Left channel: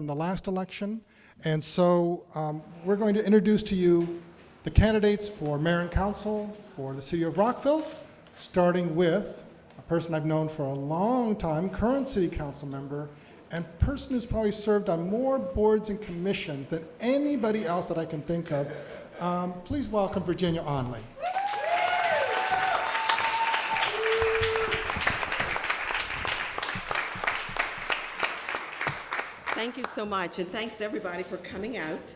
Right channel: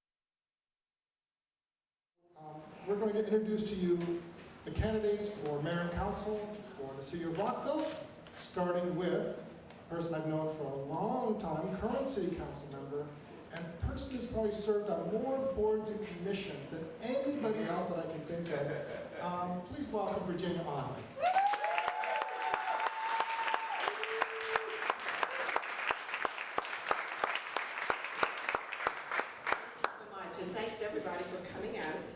from the last election. And so we're going to introduce to you the candidates for mayor and council for the city of Rockville, starting with a person I've known for a long time, current city council member, and person who's probably served on more boards and commissions than anybody else that I can think of. Please welcome Virginia Onley. Thank you so much, and thanks to everybody for coming out.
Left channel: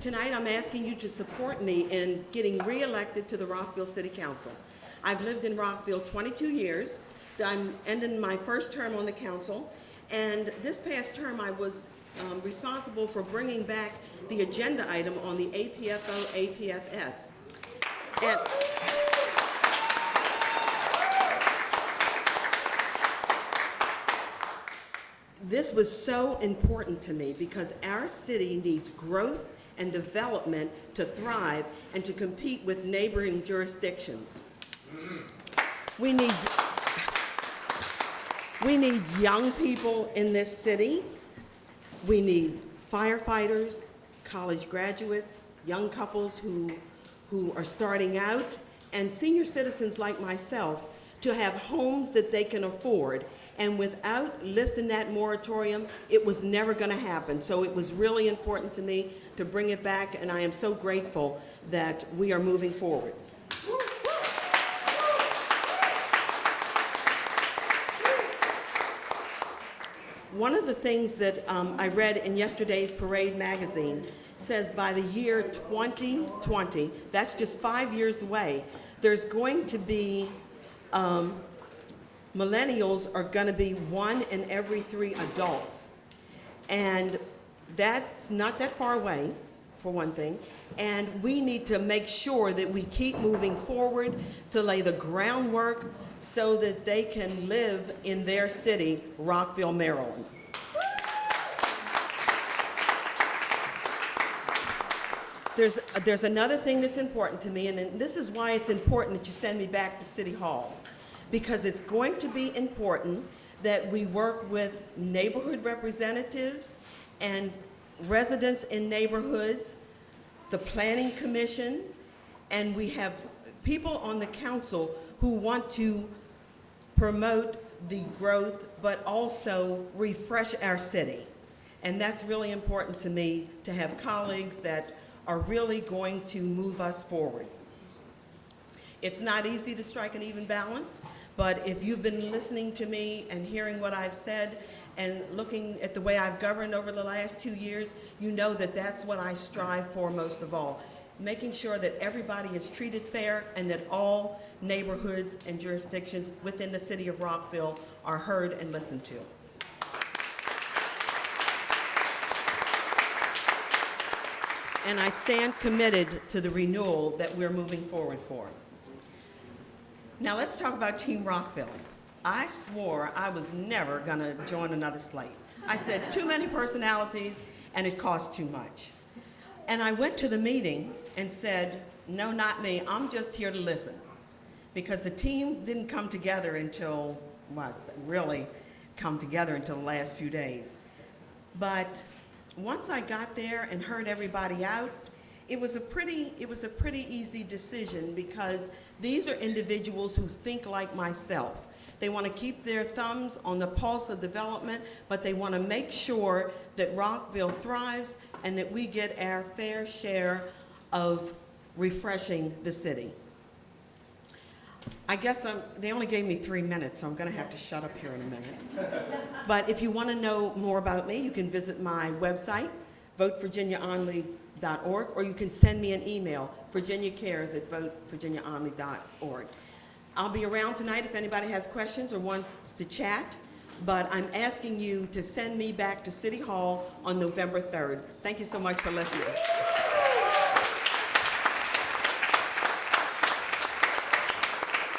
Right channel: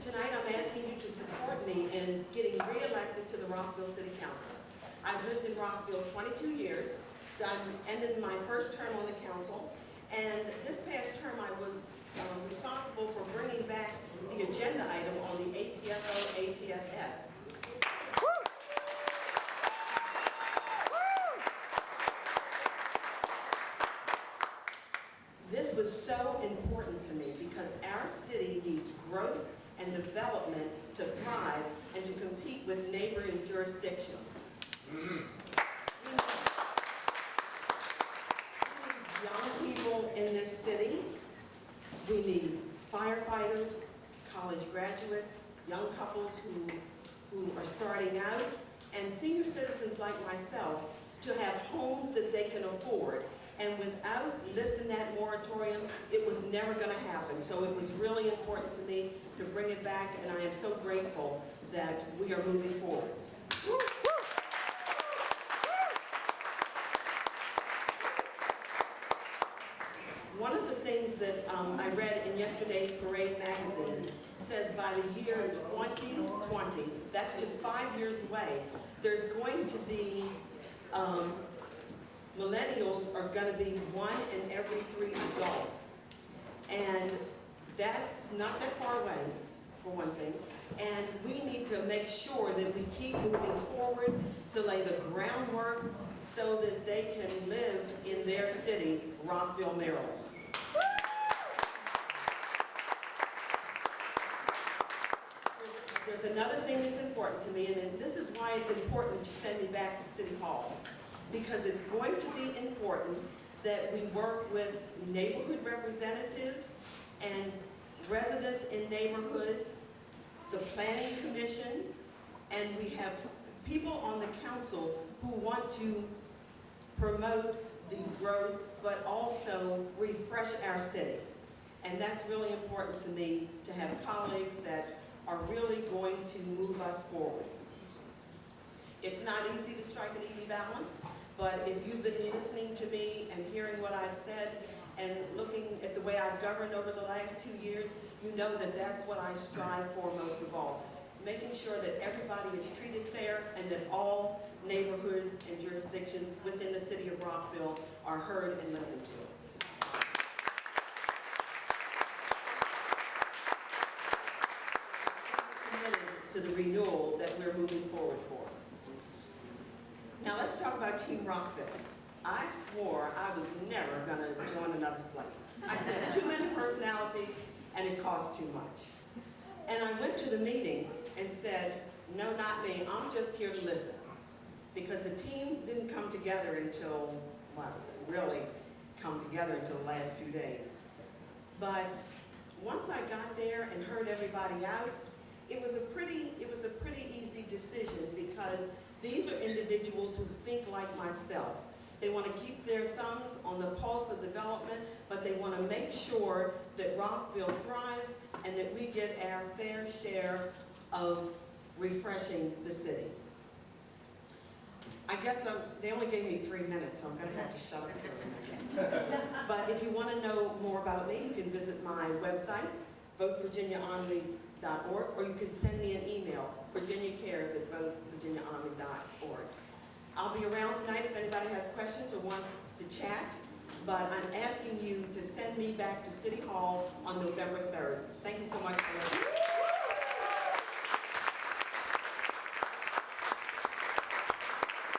Tonight I'm asking you to support me in getting re-elected to the Rockville City Council. I've lived in Rockville 22 years. I'm ending my first term on the council, and this past term I was responsible for bringing back the agenda item on the APFO-APFS. And this was so important to me because our city needs growth and development to thrive and to compete with neighboring jurisdictions. We need young people in this city. We need firefighters, college graduates, young couples who are starting out, and senior citizens like myself to have homes that they can afford. And without lifting that moratorium, it was never going to happen. So it was really important to me to bring it back, and I am so grateful that we are moving forward. One of the things that I read in yesterday's Parade magazine says by the year 2020, that's just 5 years away, there's going to be millennials are going to be 1 in every 3 adults. And that's not that far away, for one thing. And we need to make sure that we keep moving forward to lay the groundwork so that they can live in their city, Rockville, Maryland. There's another thing that's important to me, and this is why it's important that you send me back to City Hall. Because it's going to be important that we work with neighborhood representatives and residents in neighborhoods, the planning commission, and we have people on the council who want to promote the growth but also refresh our city. And that's really important to me, to have colleagues that are really going to move us forward. It's not easy to strike an even balance, but if you've been listening to me and hearing what I've said and looking at the way I've governed over the last 2 years, you know that that's what I strive for most of all. Making sure that everybody is treated fair and that all neighborhoods and jurisdictions within the city of Rockville are heard and listened to. And I stand committed to the renewal that we're moving forward for. Now let's talk about Team Rockville. I swore I was never gonna join another slate. I said too many personalities and it costs too much. And I went to the meeting and said, no, not me, I'm just here to listen. Because the team didn't come together until, well, really come together until the last few days. But once I got there and heard everybody out, it was a pretty easy decision because these are individuals who think like myself. They want to keep their thumbs on the pulse of development, but they want to make sure that Rockville thrives and that we get our fair share of refreshing the city. I guess they only gave me 3 minutes, so I'm going to have to shut up here in a minute. But if you want to know more about me, you can visit my website, votevirginiaonley.org, or you can send me an email, virginiacares@votevirginiaonley.org. I'll be around tonight if anybody has questions or wants to chat, but I'm asking you to send me back to City Hall on November 3rd. Thank you so much for listening.